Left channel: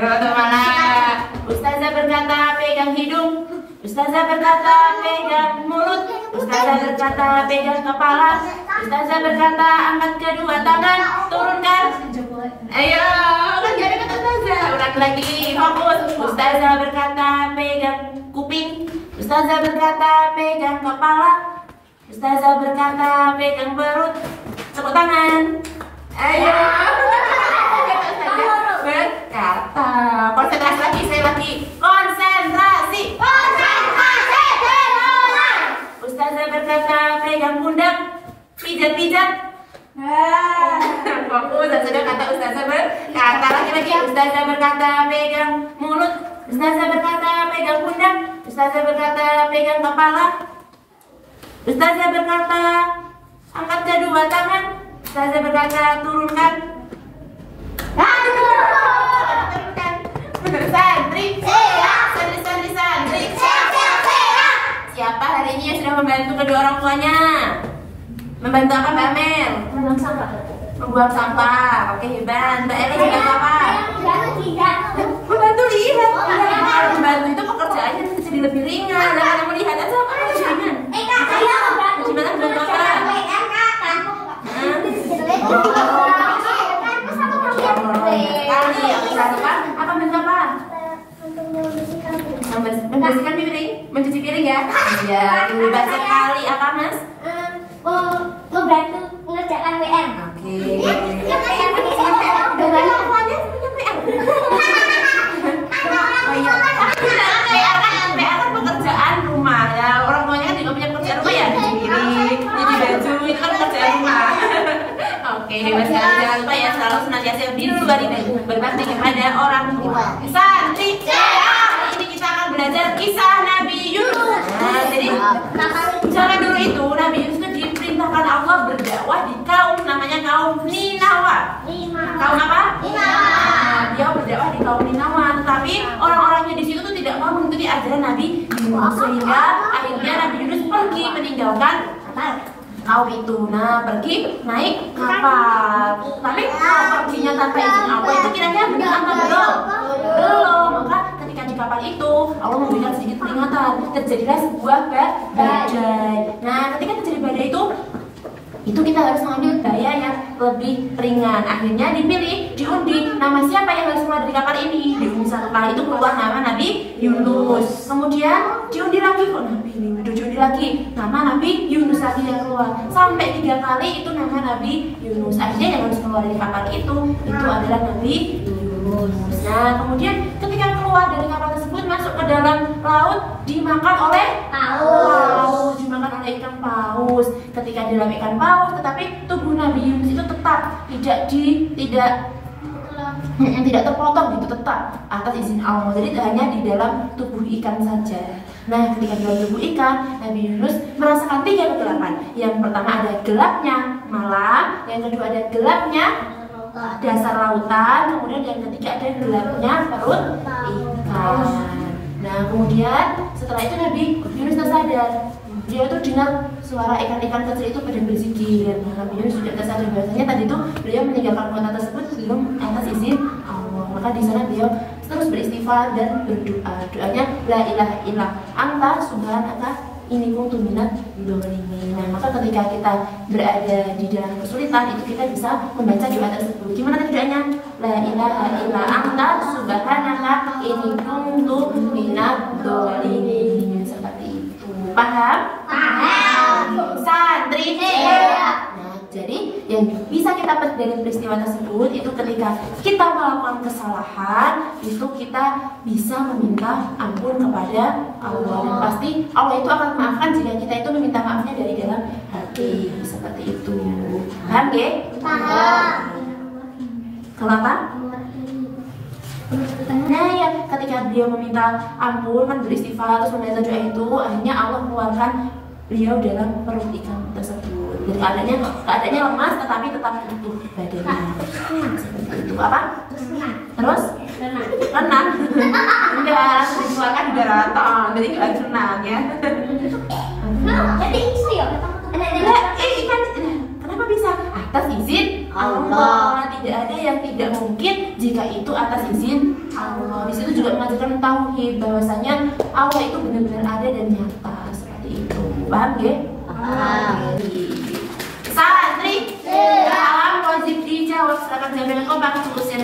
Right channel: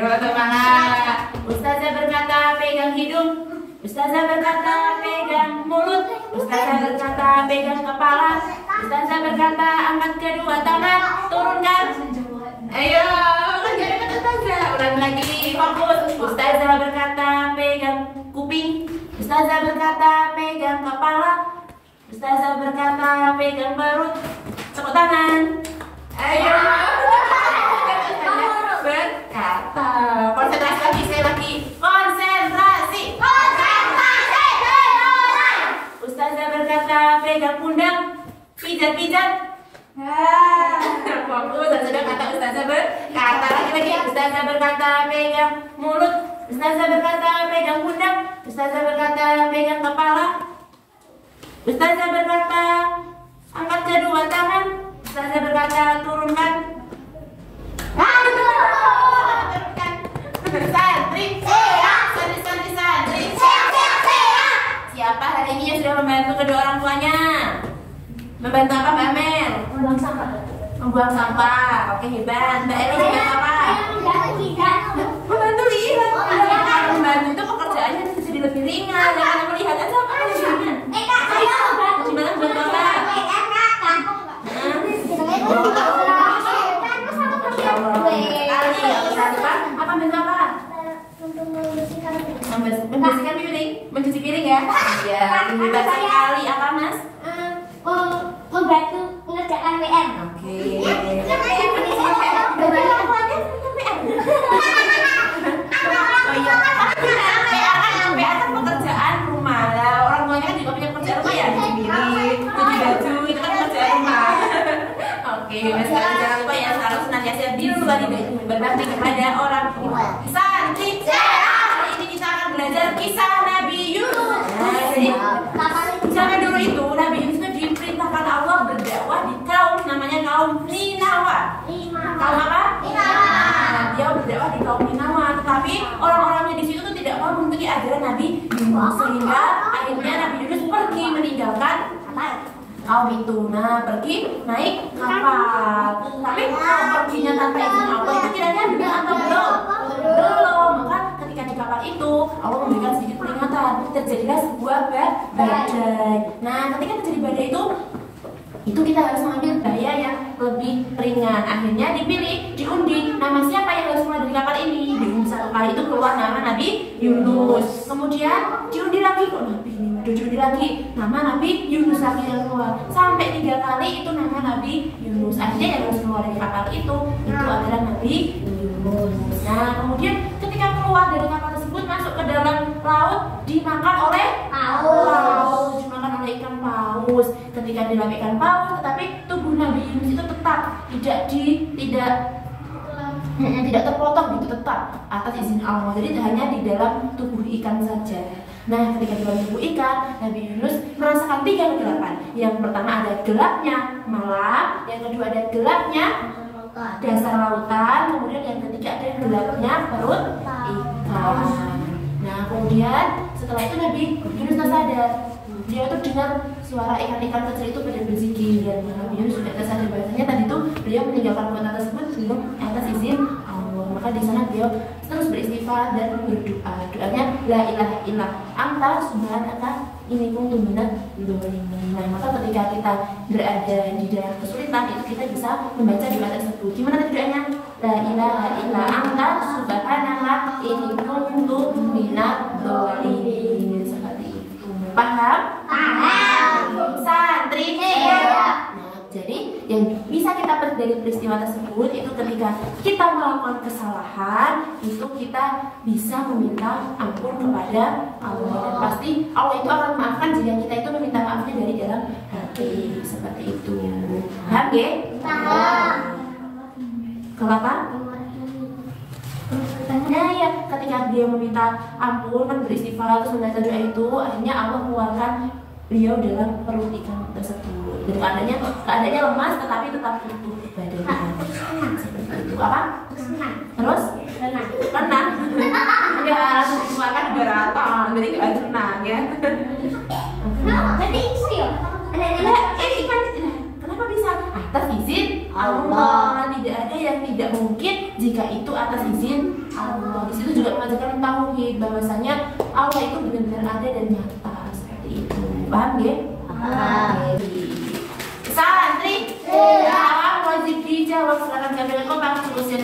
Kemana? Ustazah berkata pegang hidung. Ustazah berkata pegang mulut. Ustazah berkata pegang kepala. Ustazah berkata angkat kedua tangan, turunkan. Ayo, kan gak ada kata ustazah. Ulangi lagi, fokus. Ustazah berkata pegang kuping. Ustazah berkata pegang kepala. Ustazah berkata pegang perut. Tepuk tangan. Ayo. Berkata. Konsentrasi lagi, saya lagi. Konsentrasi. Konsentrasi. Ustazah berkata pegang pundak. Pijat-pijat. Fokus. Sudah kata ustazah berkata. Lagi. Ustazah berkata pegang mulut. Ustazah berkata pegang pundak. Ustazah berkata pegang kepala. Ustazah berkata angkat kedua tangan. Ustazah berkata turunkan. Turunkan. Santri siapa hari ini yang sudah membantu kedua orang tuanya? Membantu apa Mbak Amel? Membuang sampah. Membuang sampah. Oke, hebat. Mbak Eli membantu apa? Membantu lihat. Membantu itu pekerjaannya jadi lebih ringan. Jangan melihat aja apa ujiannya. Gimana membantu apa? Apa bantu apa? Membersihkan piring, mencuci piring ya? Iya, hebat sekali. Apa Mas? Membantu mengerjakan WM. Oke. Oh iya. PR kan pekerjaan rumah ya. Orang tuanya kan juga punya pekerjaan rumah ya. Cuci piring, cuci baju itu kan pekerjaan rumah. Oke, jangan lupa ya selalu senantiasa berbakti kepada orang tua. Santri, ini kita akan belajar kisah Nabi Yunus. Nah, jadi zaman dulu itu Nabi Yunus itu diperintahkan Allah berdakwah di kaum namanya kaum Ninawa. Kaum apa? Dia berdakwah di kaum Ninawa, tetapi orang-orangnya di situ tuh tidak mau mengikuti ajaran Nabi Yunus, sehingga akhirnya Nabi Yunus pergi meninggalkan kaum itu. Nah, pergi naik kapal. Tapi kalau perginya tanpa izin Allah itu kiranya benar apa belum? Belum. Maka ketika di kapal itu Allah memberikan sedikit peringatan. Terjadilah sebuah badai. Nah, ketika terjadi badai itu kita harus mengambil daya yang lebih ringan. Akhirnya dipilih, diundi nama siapa yang harus keluar dari kapal ini. Setelah itu keluar nama Nabi Yunus. Kemudian diundi lagi, diundi lagi nama Nabi Yunus lagi yang keluar. Sampai 3 kali itu nama Nabi Yunus. Akhirnya yang harus keluar dari kapal itu adalah Nabi Yunus. Nah, kemudian ketika keluar dari kapal tersebut masuk ke dalam laut, dimakan oleh paus. Dimakan oleh ikan paus. Ketika di dalam ikan paus, tetapi tubuh Nabi Yunus itu tetap tidak terpotong gitu, tetap atas izin Allah. Jadi hanya di dalam tubuh ikan saja. Nah, ketika di dalam tubuh ikan, Nabi Yunus merasakan 3 kegelapan. Yang pertama ada gelapnya malam, yang kedua ada gelapnya dasar lautan, kemudian yang ketiga ada gelapnya perut ikan. Nah, kemudian setelah itu Nabi Yunus tersadar. Dia tuh dengar suara ikan-ikan kecil itu pada berzikir. Nabi Yunus sudah tersadar bahwasanya tadi itu beliau meninggalkan kota tersebut belum atas izin Allah. Maka di sana beliau terus beristighfar dan berdoa. Doanya la ilaha illa anta subhanaka inni kuntu minadz dzalimin. Nah, maka ketika kita berada di dalam kesulitan itu kita bisa membaca doa tersebut. Gimana tadi doanya? La ilaha illa anta subhanaka inni kuntu minadz dzalimin. Seperti itu. Paham? Santri. Nah, jadi yang bisa kita petik dari peristiwa tersebut itu ketika kita melakukan kesalahan itu kita bisa meminta ampun kepada Allah, dan pasti Allah itu akan memaafkan jika kita itu meminta maafnya dari dalam hati. Seperti itu. Paham ya? Paham. Kenapa? Nah, ya ketika dia meminta ampun kan beristighfar terus membaca doa itu, akhirnya Allah keluarkan beliau dalam perut ikan tersebut. Jadi keadaannya lemas tetapi tetap utuh badannya. Seperti itu. Apa? Terus? Renang. Enggak, langsung dikeluarkan di daratan. Jadi nggak renang ya. Berarti itu ya? Ikan kenapa bisa? Atas izin Allah. Tidak ada yang tidak mungkin jika itu atas izin Allah. Di situ juga mengajarkan tauhid bahwasanya Allah itu benar-benar ada dan nyata seperti itu. Paham ya? Salah, Tri. Paham, wajib dijawab. Silakan jawab dengan kompak. Usia